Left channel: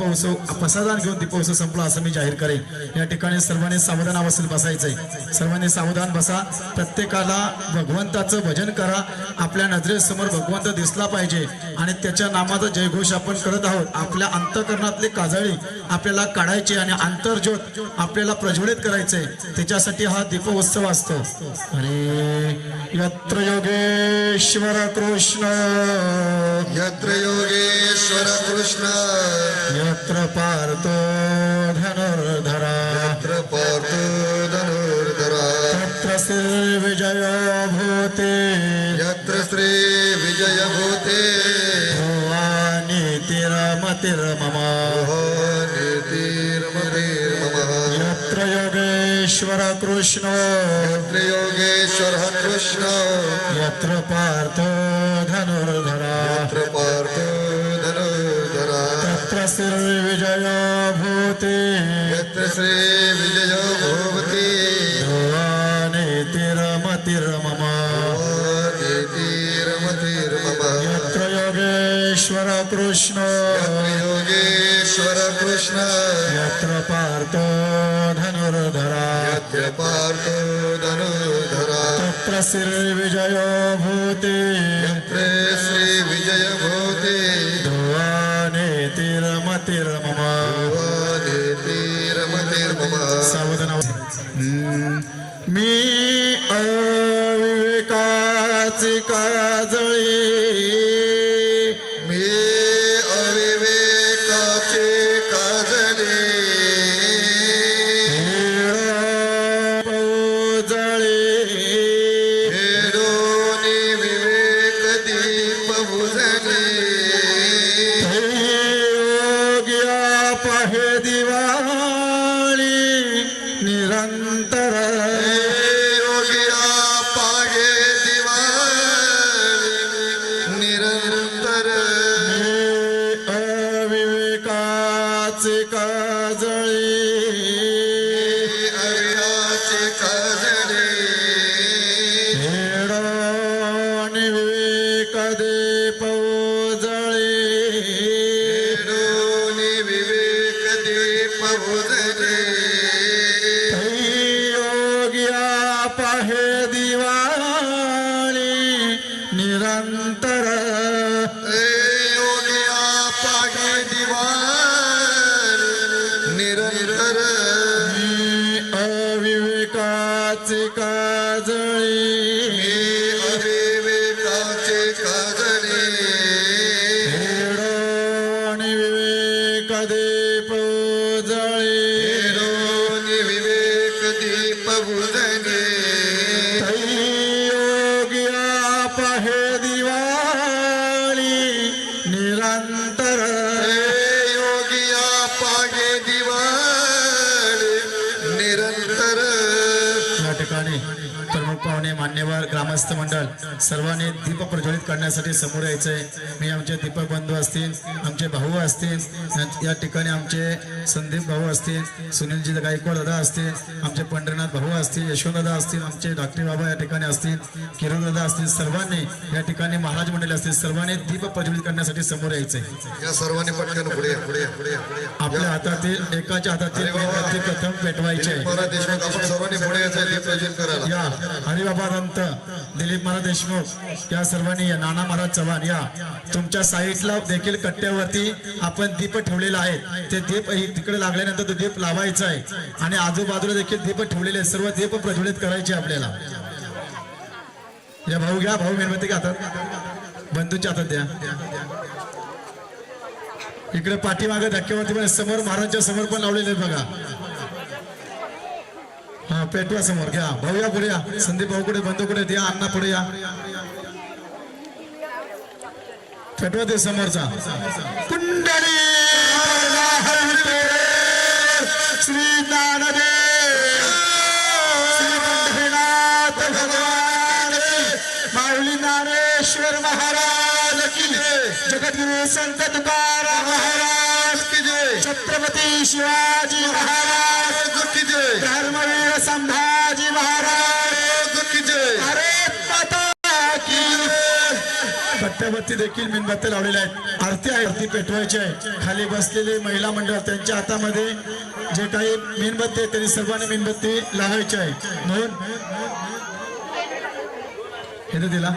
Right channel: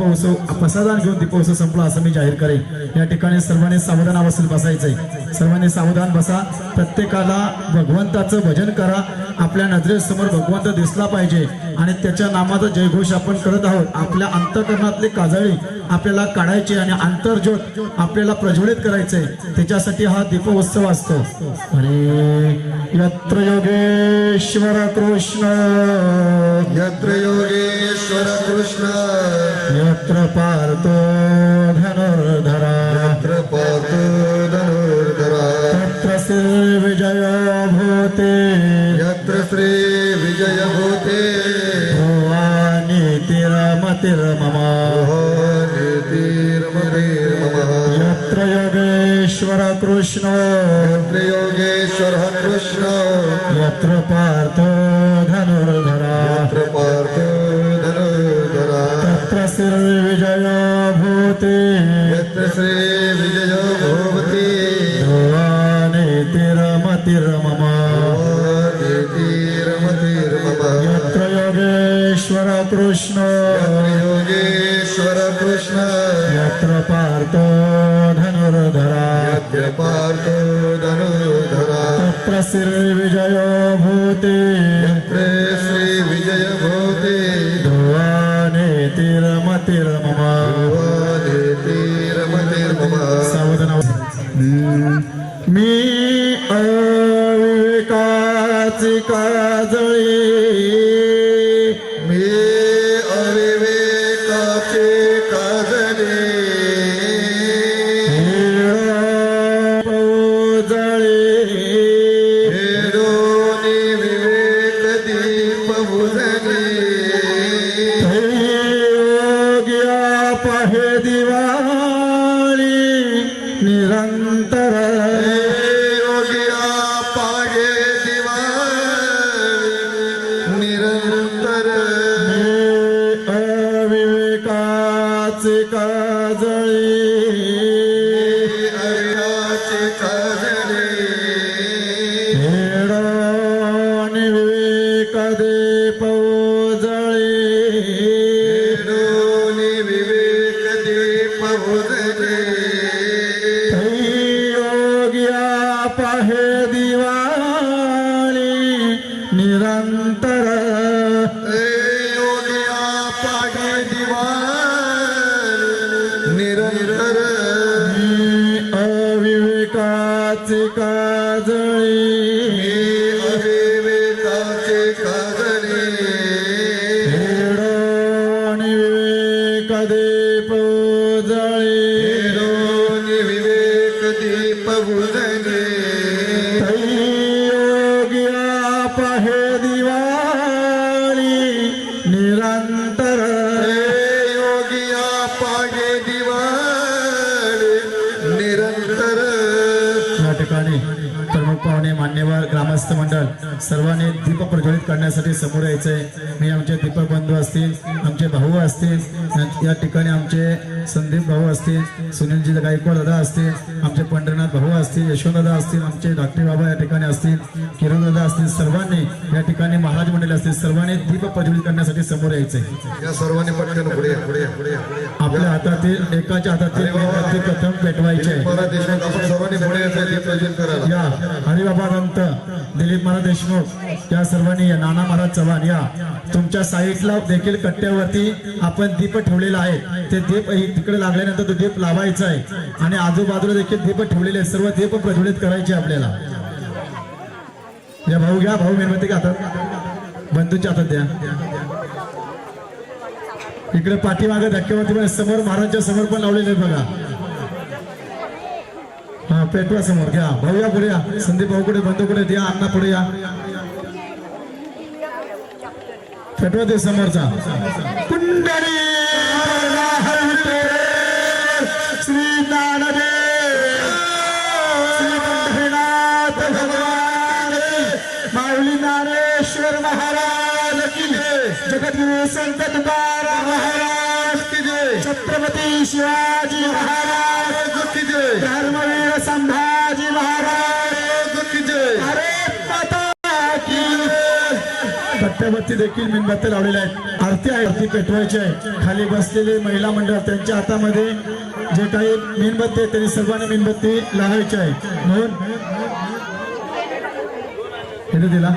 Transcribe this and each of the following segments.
दीपोत्सव प्रसादान घेऊन दीपोत्सव संपला असं मी जाहीर करेन. या ठिकाणी सर्वांनी सावधान अवस्थेत बसायचंय सर्वांनी सावधान बसा. प्रत्येकाला भगवंताचं भजन करा. आपल्या नजरेसमोर भगवंत दिसला पाहिजे. आणि त्याच्या नामाचा जयघोष आपण करत आहोत. आपल्या अंतकरणातली काजळी आपल्याला काढायची आणि आंतरज्योत आपल्याला प्रज्वलित करायचंय. त्याच्यासाठी हा दीपोत्सव असतो. अरे यत्र योगेश्वर कृष्ण. यत्र योगेश्वर कृष्ण. यत्र पार्थो धनुर्धरा. यत्र पार्थो धनुर्धरा. तत्र श्री विजय भूते. यत्र श्री विजय भूते. नीतिरमतिर्मम मम यत्र योगेश्वर कृष्ण। यत्र योगेश्वर कृष्ण यत्र पार्थो धनुर्धरा। यत्र पार्थो धनुर्धरा तत्र श्रीविजया भूते। यत्र श्री यत्र श्रीविजय भूते यत्र श्री विजय भूते ध्रुवानेतिरमतिर्मम नीतिर्मतिर्ममः सावधान हम्म. मी ನಿರಂತರ करण्यासाठी समोर यायचंय. मी आमचे दीपक बंधू असतील आमचे भाऊ असतील या- या ठिकाणी आमचे संदीप भाऊ असतील सुनीलजी गायकवाड दादा असतील आमचे पंढरीनाथ भाऊ असतील यशवंतदादा असतील आमचे डॉक्टर बाबा या ठिकाणी असतील किरण दादा असतील सर्वांनी या ठिकाणी महाराज मंडळी असतील सर्वांनी दीप प्रज्वलित करण्यासाठी समोर यायचंय. या सर्वांनी पटकन पुढे या, पुढे या, पुढे या, पुढे या. आपल्या हातातील एकाच्या हातातील प्रथम पेटवायचे. यायचं या हरिबाबा दंत दिलीप महाराज देशमुख या सर्वांनी या नाना महाराज चव्हाण या. तुमच्या साईडला देखील कट्ट्यावरती आपण दीप ठेवलेला आहे. ते दीप दीप तिकडे लागल्यानंतर तो दीप लावायचा आहे. आणि आजूबाजूला देखील दीप ठेवलेले आहेत. सर्व दीप प्रज्वलित करायचे आपल्याला. या भाऊ घ्या. भाऊ मेणबत्ती घातात बंधूच्या हातात द्या. इकडे पाठीमागे धक्केवरती पण समोर महाराजच्या समोर पण लावलेले बघा. हा पेटवा समोर. घ्या. भाऊ या पुढे या. संदीप भाऊ कुठे बंधू कुठे द्या. अण्णा पुढे या. पेटवा ते समोरचा. कुंडली! श्री ज्ञानदेव श्री पंढरीनाथ भगवान। माऊली ज्ञानेश्वर महाराज की जगद्गुरु संत तुकाराम महाराज की जय। छत्रपती शिवाजी महाराज की जय। धर्मवीर संभाजी महाराज की जय। भारत माता की जय. देखील मेणबत्त्या लावलेल्या आहेत. आरती आहे आरती पेटवायची आहे. खाली बसलेले महिला मंडळ त्यांच्या हातामध्ये जे काही मेणबत्ती आहे त्यांनी सर्वांनी मेणबत्ती लावायची आहे. म्हणून इथे दिला.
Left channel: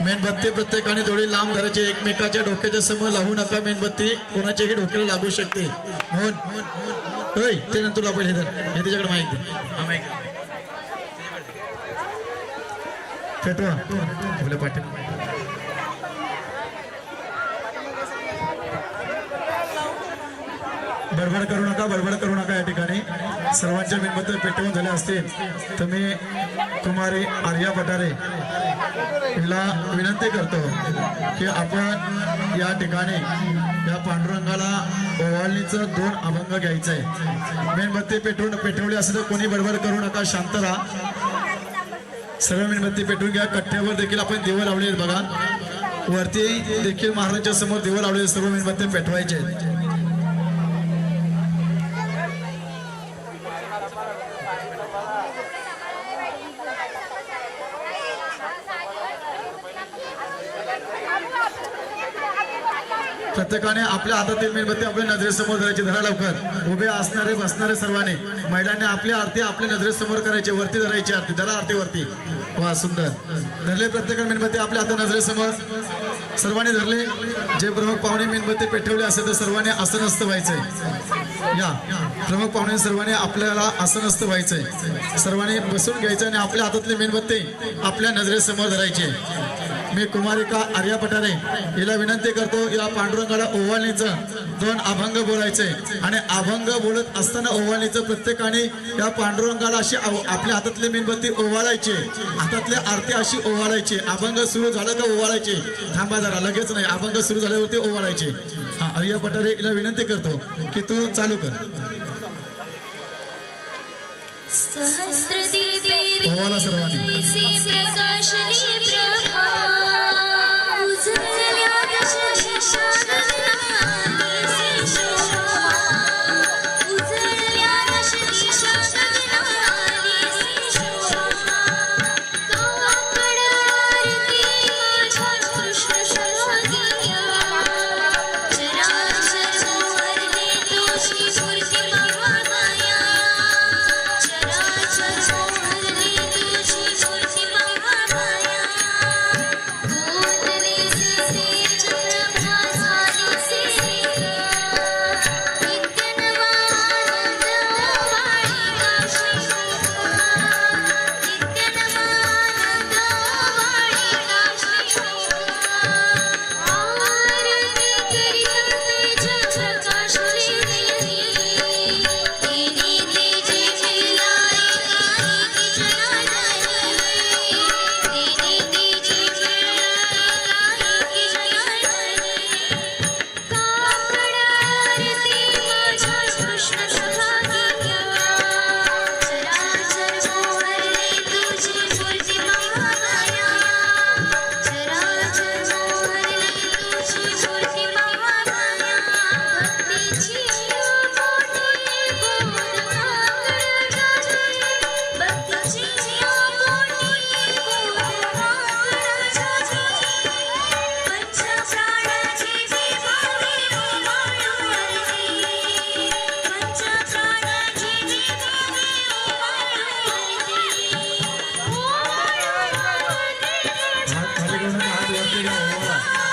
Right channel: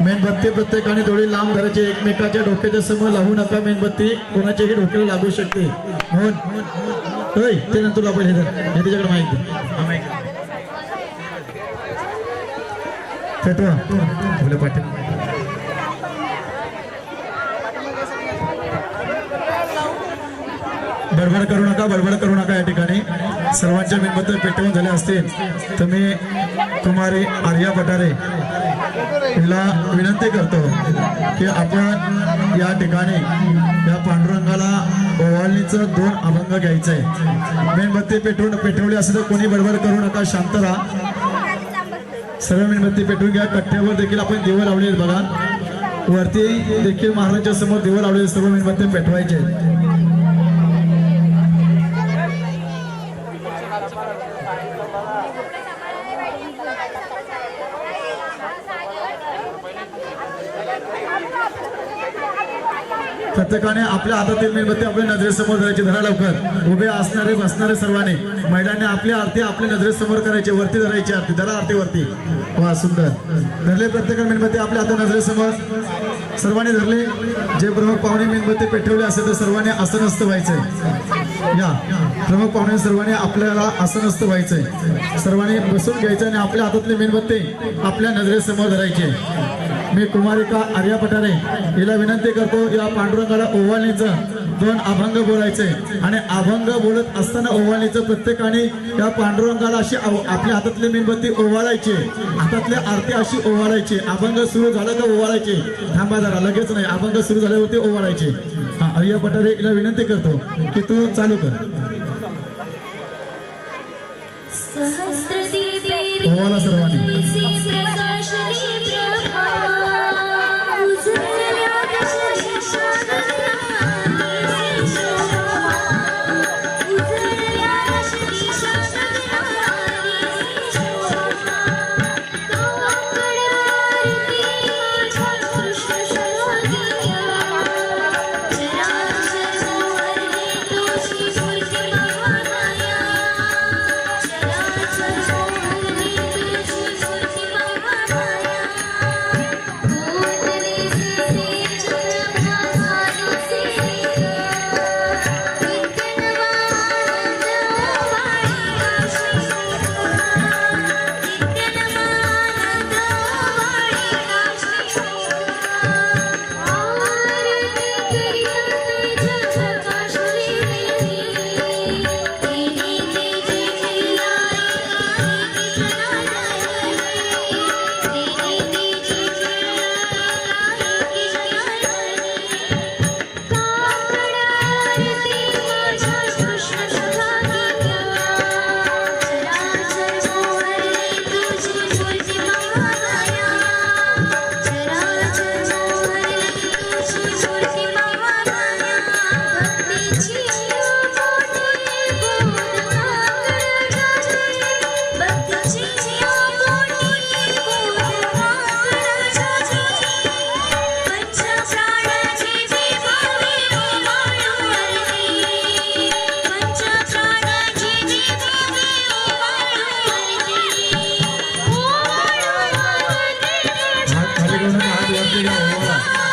मेणबत्ती प्रत्येकाने थोडी लांब धरायची एकमेकाच्या डोक्याच्या समोर लावू नका मेणबत्ती. कोणाच्याही डोक्याला लागू शकते. म्हणून होय ते नंतर आपण हे धर. हे त्याच्याकडे माहिती माहिती पेटवा बडबड करू नका बडबड करू नका या ठिकाणी. सर्वांच्या मेणबत्त्या पेटवून झाल्या असतील. तर मी कुमारी आर्या पठारे हिला विनंती करतो की आपण या ठिकाणी या पांडुरंगाला ओवाळणीचं दोन अभंग घ्यायचं आहे मेणबत्ती पेटवून पेटवली असेल तर कोणी बडबड करू नका शांत राहा. सर्व मेणबत्ती पेटवून घ्या. कट्ट्यावर देखील आपण दिवं लावले आहेत बघा. वरती देखील महाराजांच्या समोर दिवं लावले सर्व मेणबत्ती पेटवायचे आहेत प्रत्येकाने आपल्या हातातील मेणबत्ती आपल्या नजरेसमोर धरायची. धरा लवकर. उभे असणारे बसणारे सर्वांनी. महिलांनी आपली आरती आपल्या नजरेसमोर करायची. वरती धरायची आरती. धरा आरती वरती वा सुंदर. धरले प्रत्येकाने मेणबत्ती आपल्या हातात नजरेसमोर. सर्वांनी धरले. जे प्रमुख पाहुणे मेणबत्ती पेटवले असेल तर सर्वांनी आसनस्थ व्हायचंय. या. प्रमुख पाहुणे सर्वांनी आपल्याला आसनस्थ व्हायचंय. सर्वांनी बसून घ्यायचं आणि आपल्या हातातली मेणबत्ती आपल्या नजरेसमोर धरायचे मी कुमारिका आर्या पठारे हिला विनंती करतो या पांडुरंगाला ओवाळणीचं दोन अभंग बोलायचे. आणि अभंग बोलत असताना ओवाळणीचं प्रत्येकाने या पांडुरंगाला अशी आपल्या हातातली मेणबत्ती ओवाळायची. हातातली आरती अशी ओवाळायची. अभंग सुरू झालं का ओवाळायचे? थांबा जरा लगेच नाही. अभंग सुरू झाल्यावरती ओवाळायचे. हा आर्या पठारे हिला विनंती करतो की तू चालू कर. ओवाळा सर्वांनी. करू नका हात वरती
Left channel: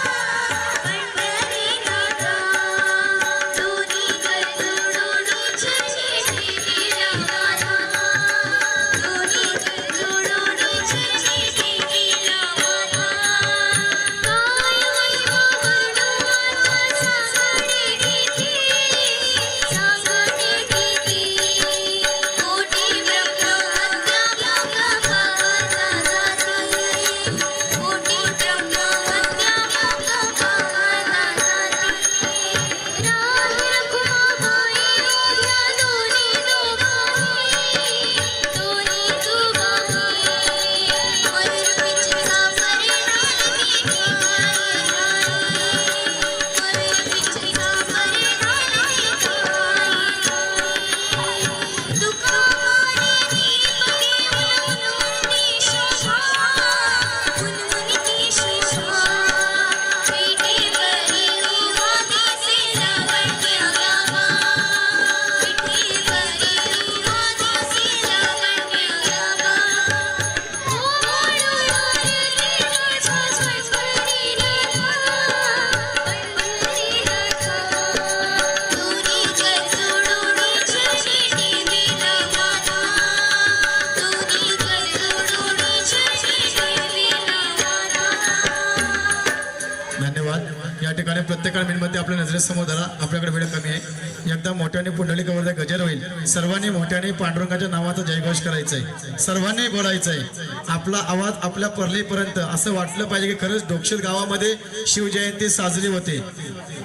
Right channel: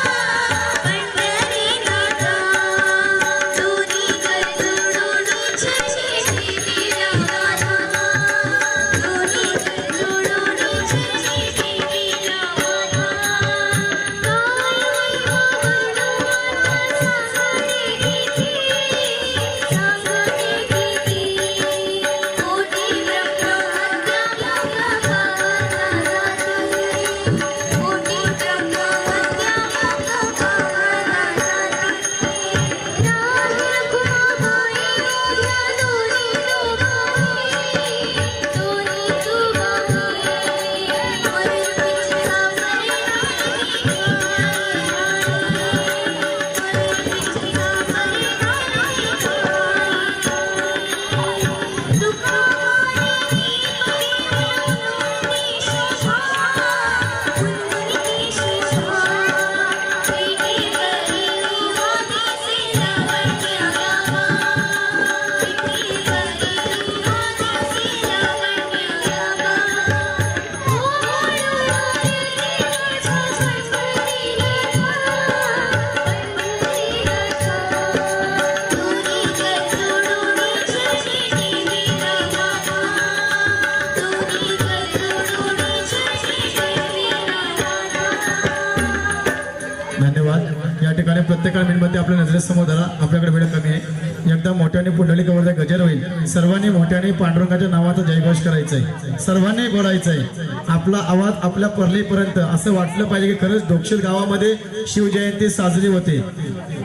समोर धरा आपल्याकडे वेळ कमी आहे. एकदा मोठ्याने पुंडलिक वरती गजर होईल. सर्वांनी मोठ्याने पांडुरंगाच्या नावाचा जयघोष करायचा आहे सर्वांनी बोलायचं आहे आपला आवाज आपल्या परलीपर्यंत असं वाटलं पाहिजे की खरंच डोक्षित गावामध्ये शिवजयंती साजरी होते.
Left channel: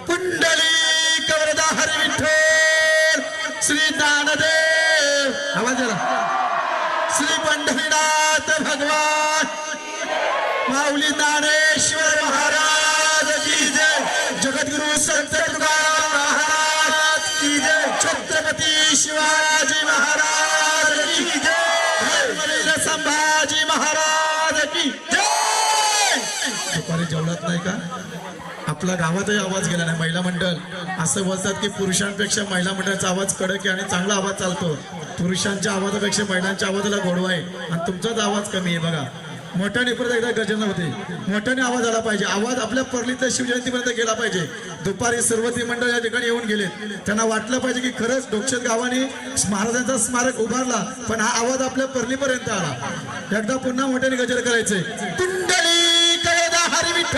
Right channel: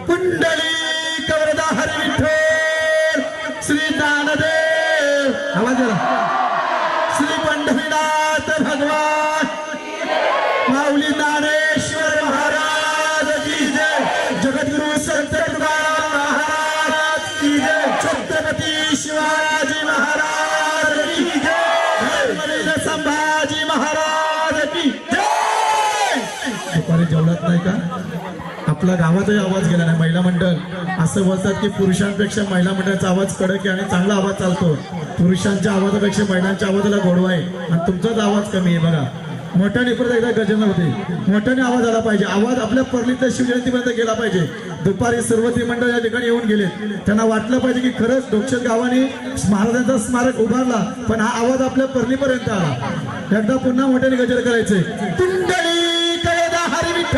पुंडलिक वरदा हरी विठ्ठल श्री ज्ञानदेव. आवाज श्री पंढरीनाथ भगवान. आपला गावातही आवाज गेला नाही. महिला मंडळ असं बोलतात की पुरुषांपेक्षा महिला मंडळाचा आवाज कडक आहे आणि चांगला आवाज चालतो. पुरुषांच्या आवाजापेक्षा महिलांच्या आवाजाला गोडवा आहे. आणि तुमचाच आवाज कमी आहे बघा. मोठ्याने परत एकदा गर्जना होते. मोठ्याने आवाज आला पाहिजे. आवाज आपल्या परलीतल्या शिवजयंतीपर्यंत गेला पाहिजे. दुपारी सर्वती मंडळ या ठिकाणी येऊन गेले त्यांना वाटलं पाहिजे की खरंच डोक्षत गावाने महाराजांचा स्मारक उभारला पण हा आवाज आपल्या परलीपर्यंत आला. एकदा पुन्हा मोठ्याने गजर करायचे. कुंडली कळदा हरी विठ्ठल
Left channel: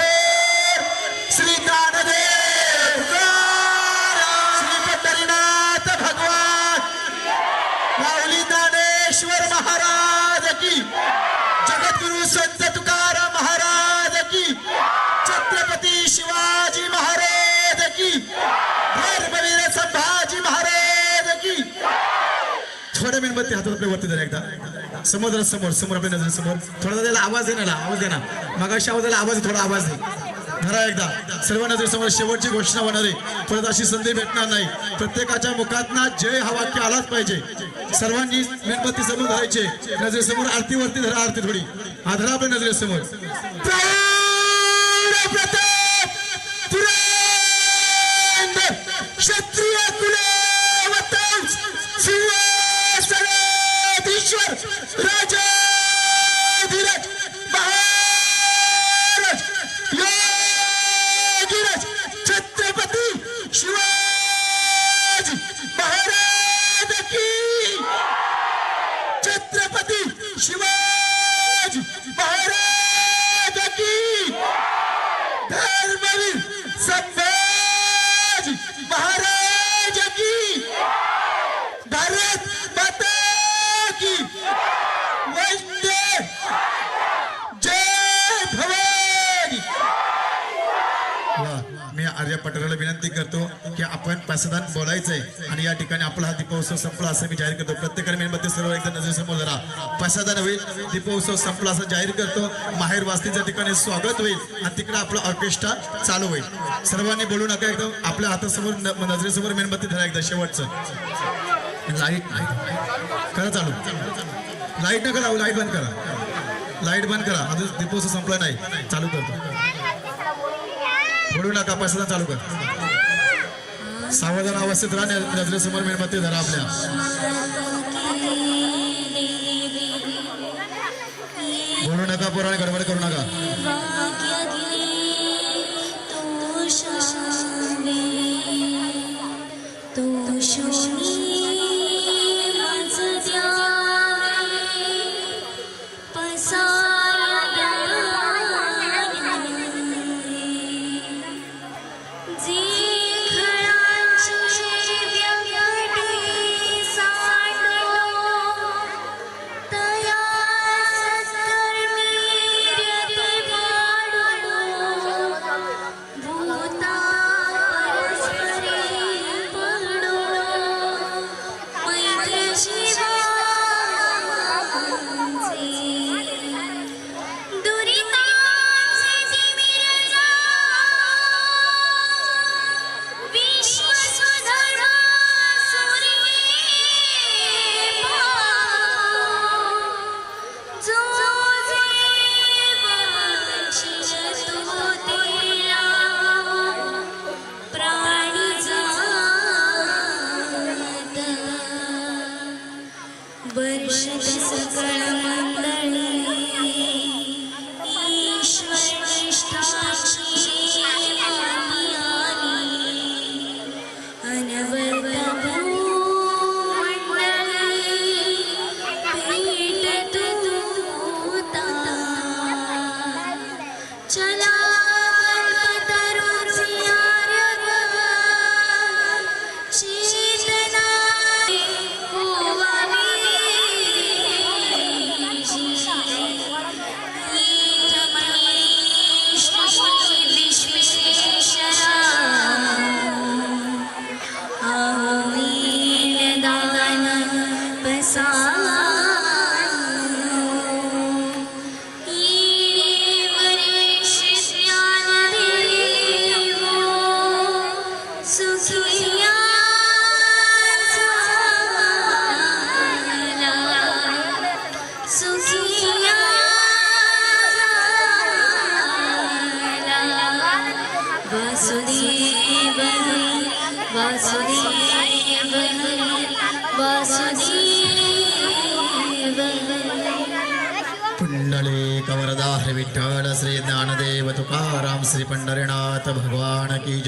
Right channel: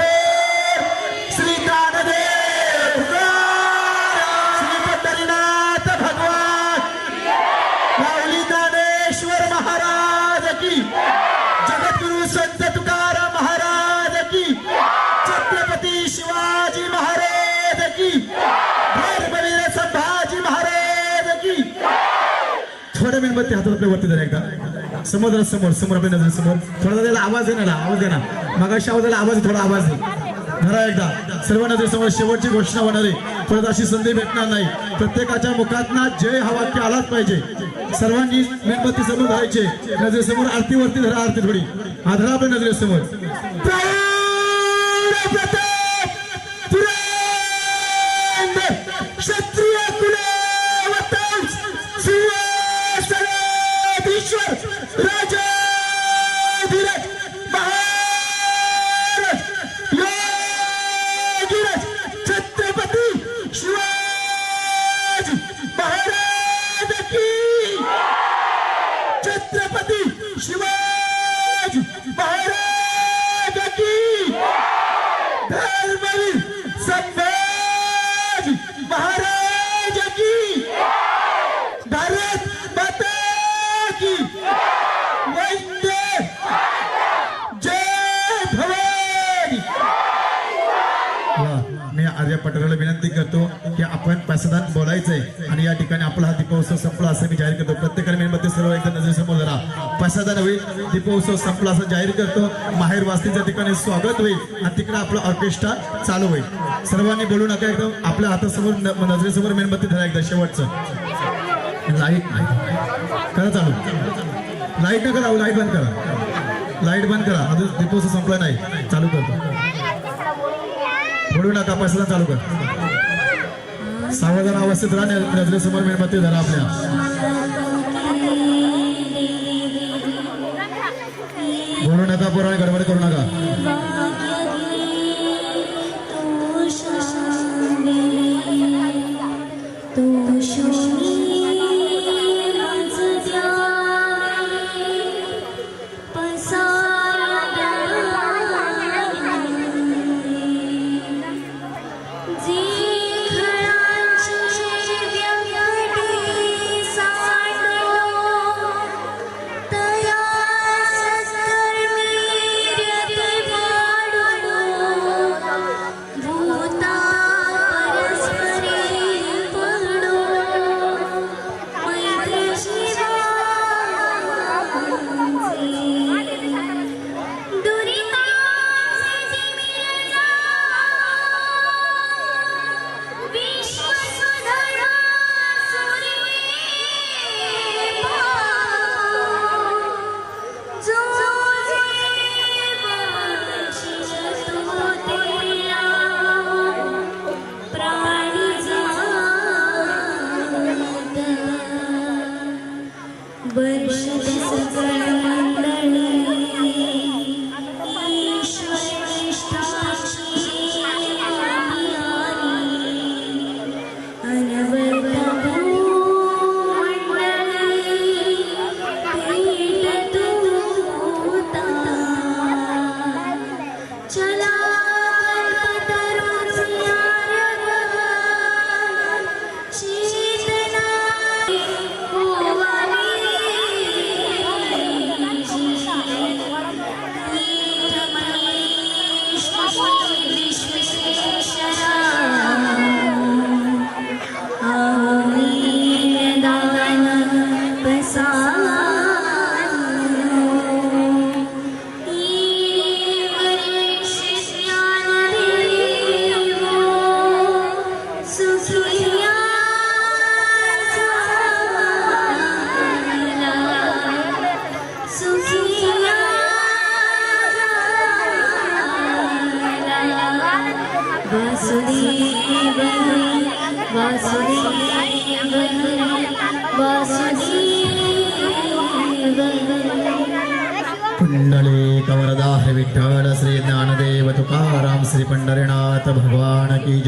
मेणबत्ती हातात आपल्या वरती धरा एकदा. समोर जरा समोर समोर आपल्या नजर समोर थोडा त्याला आवाज आहे ना आवाज देणार ना. आवाजाला आवाज थोडा आवाज दे. धरा एकदा. सर्व नजर समोर शेवटची घोषणा होणार आहे. परत अशी संधी भेटणार नाही. प्रत्येकाच्या मुखात ना जय हा वाक्य आलाच पाहिजे. सर्वांनी मेणबत्ती समोर धरायचे. नजरेसमोर आरती वरती धरा आरती थोडी. आधरा आपल्या नजरेसमोर. पासदान बोलायचंय. आणि या ठिकाणी आपला हा दीपोत्सव संपला असं मी जाहीर करतो. प्रत्येकाने मेणबत्ती सर्व एकदा नजरेसमोर धरा. पासदान होईल दीपोत्सव संपला असं जाहीर करतो. माहेर वास्तीच्या ठिकाणी स्वागत होईल आणि तिकडे आपलं ऑर्केस्ट्रा चालू होईल. सर्वांनी बोलू नका एकदम. आपल्या हातासमोर नजरेसमोर मेणबत्ती धरा एकदा शेवटचं. लाइट नाही. करा चालू. लाइट नका लावू लाइट बंद करा. लाइट बंद करा. अजून दीपोत्सव संपला नाही. चालू करतो. बोलू नका पासून चालू कर. सावधान अवस्थेत राहण्या नजरेसमोर मेणबत्ती धरा आपल्या.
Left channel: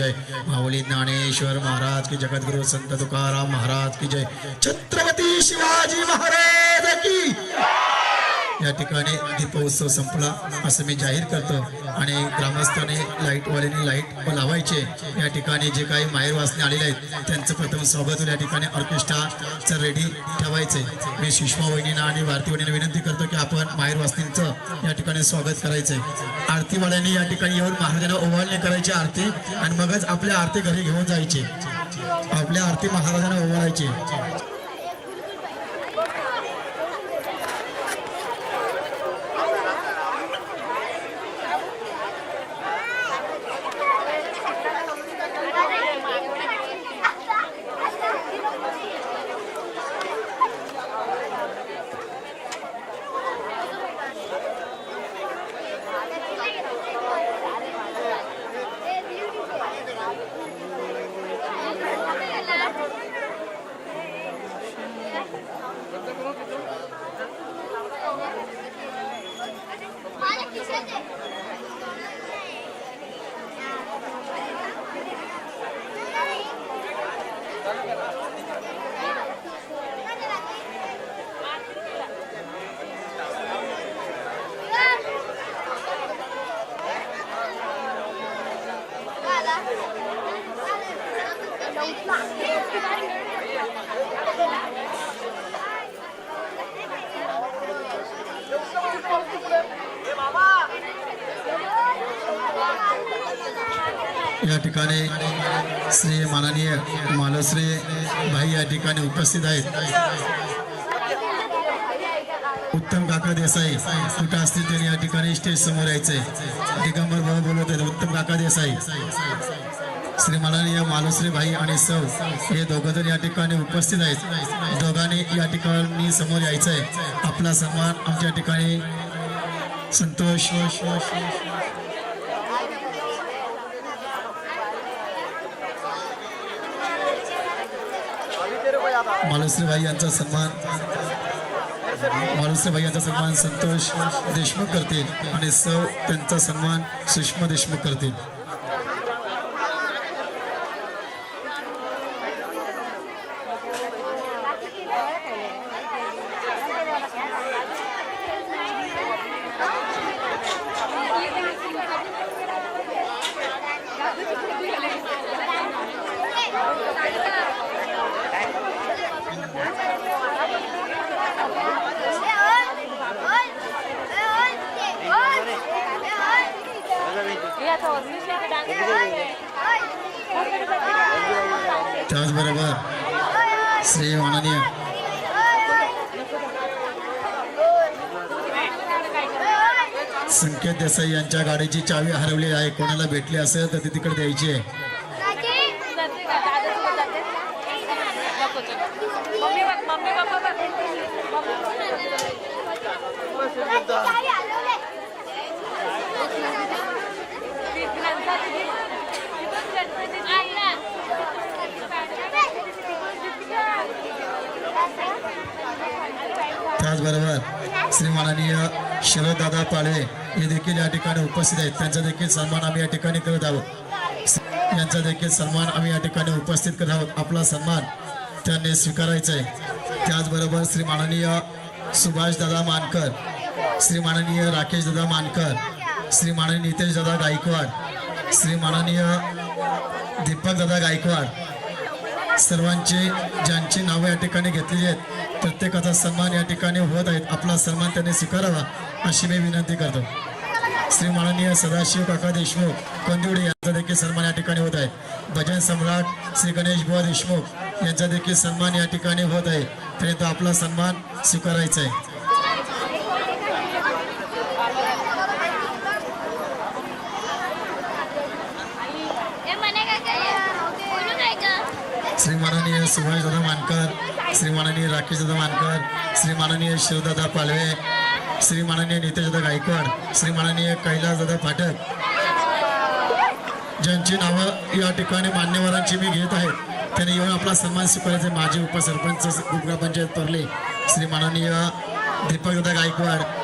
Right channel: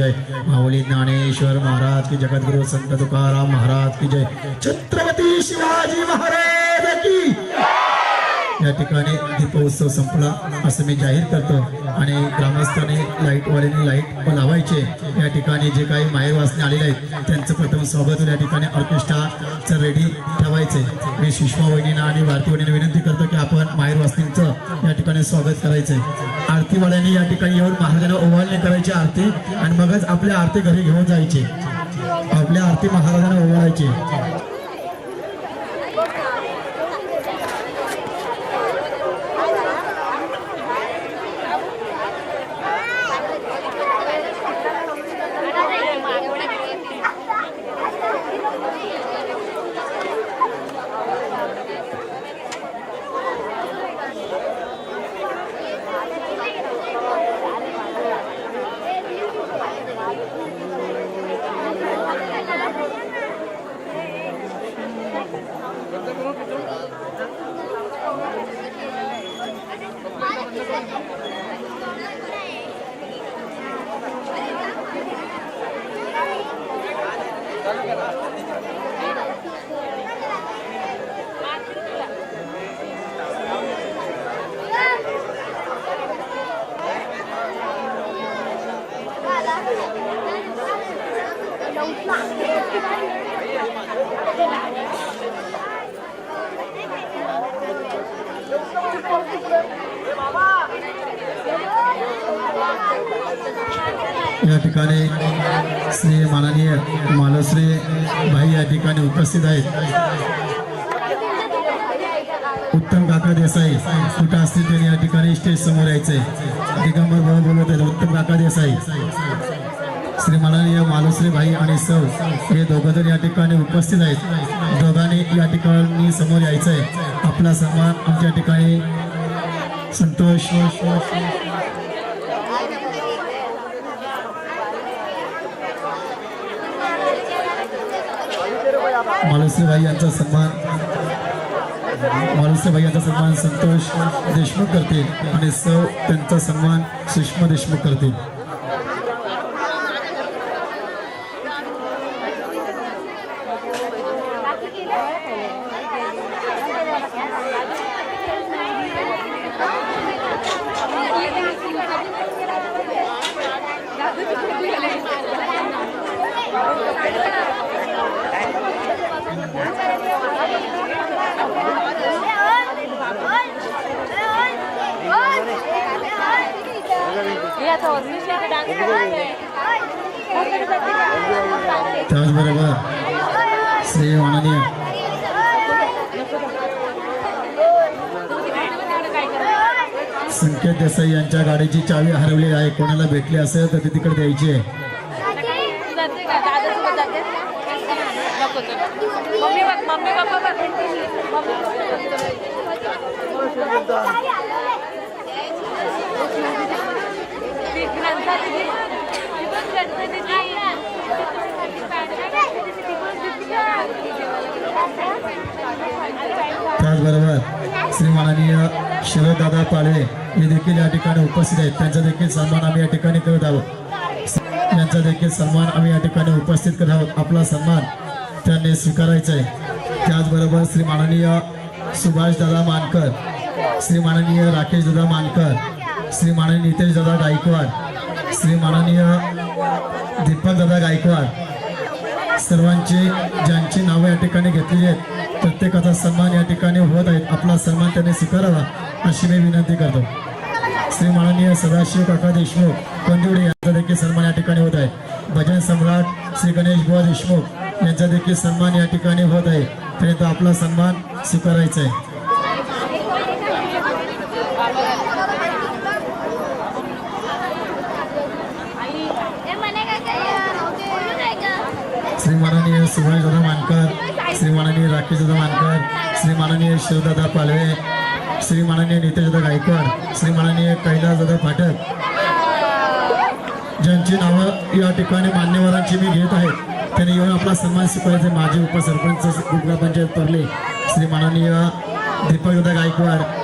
जय। माऊली ज्ञानेश्वर महाराज की जगद्गुरु संत तुकाराम महाराज की जय। छत्रपती शिवाजी महाराज! या ठिकाणी दीपोत्सव संपला असं मी जाहीर करतो. आणि ग्रामस्थांनी लाईटवाल्याने लाइट लावायचे. या ठिकाणी जे काही माहेरवासने आलेले आहेत त्यांचं प्रथम स्वागत या ठिकाणी ऑर्केस्ट्राचं रेडी ठेवायचे. मी सुषमा वहिनींना आणि भारती वहिनींना विनंती करतो की आपण माहेरवासनींचं या ठिकाणी स्वागत करायचं. आरतीवाल्यांनी या ठिकाणी येऊन महाराजांना ओवाळणी करायची आरती आणि मगच आपल्या आरती घरी घेऊन जायचे. आपल्या आरती महाराजांना ओवाळायचे. या ठिकाणी श्री माननीय मालश्री भाई या ठिकाणी उपस्थित आहेत. उत्तम काका देसाई कुठं असतील त्यांनी या ठिकाणी स्टेज समोर यायचंय दिगंबर भाऊ बोलत आहेत उत्तम काका देसाई. श्रीमानाने माननीय मालुश्री भाई आणि सौ हे दोघं जण या ठिकाणी उपस्थित आहेत. दोघांनी या ठिकाणी समोर यायचंय. आपला सन्मान आमच्या ठिकाणी संतोष. मालुश्रीबाई यांचा सन्मान मालुश्रीबाई यांचा सन्मान संतोष देशमुख करतील आणि सौ त्यांचा सन्मान सुषमा देशमुख करतील. त्याचबरोबर श्री माननीय संकेत देसाई यांच्या गाडीची चावी हरवली आहे. कोणाला भेटली असेल तर ती तिकडे द्यायची आहे जाते का दादा तुला जाते नको चल. मम्मी बघ मम्मी पप्पा बघ मम्मी त्याचबरोबर श्री माननीय शरददादा पाळवे हे देखील या ठिकाणी उपस्थित आहेत. त्यांचा देखील सन्मान आम्ही या ठिकाणी करत आहोत. यांचा देखील सन्मान आम्ही या ठिकाणी उपस्थित करत आहोत. आपला सन्मान त्यांनी स्वीकारायचा आहे. त्याचबरोबर श्री माननीय सुभाष दादा मानकर श्री माननीय राकेश दादा मानकर श्री माननीय नितेश दादा गायकवाड श्री माननीय दीपक दादा गायकवाड सर्वांची ज्यांची नावं या ठिकाणी घेतलेली आहेत प्रत्येकाचा सन्मान या ठिकाणी होत आहेत आपला सन्मान त्यांनी स्वीकारावा अशी मी विनंती करतो. श्री माननीय सदाशिव काका देशमुख कंदिवडे यांचा देखील सन्मान या ठिकाणी होत आहे. भजन सम्राट श्री गणेश बुवा देशमुख यांचा देखील सन्मान या ठिकाणी होत आहे. तरी तो आपला सन्मान स्वीकारायचा आहे. श्री माननीय सुभाष दादा मानकर श्री माननीय राकेश दादा मानकर श्री माननीय शिवदादा पालवे श्री माननीय नितेश दादा गायकवाड श्री माननीय कैलास दादा ज्यांची नावं या ठिकाणी मान्यवरांची मी घेत आहे त्यांनी येऊन आपला सन्मान स्वीकारायचे माजी उपसरपंच ग्रामपंचायत परले श्री माननीय दीपकदा गायकवाड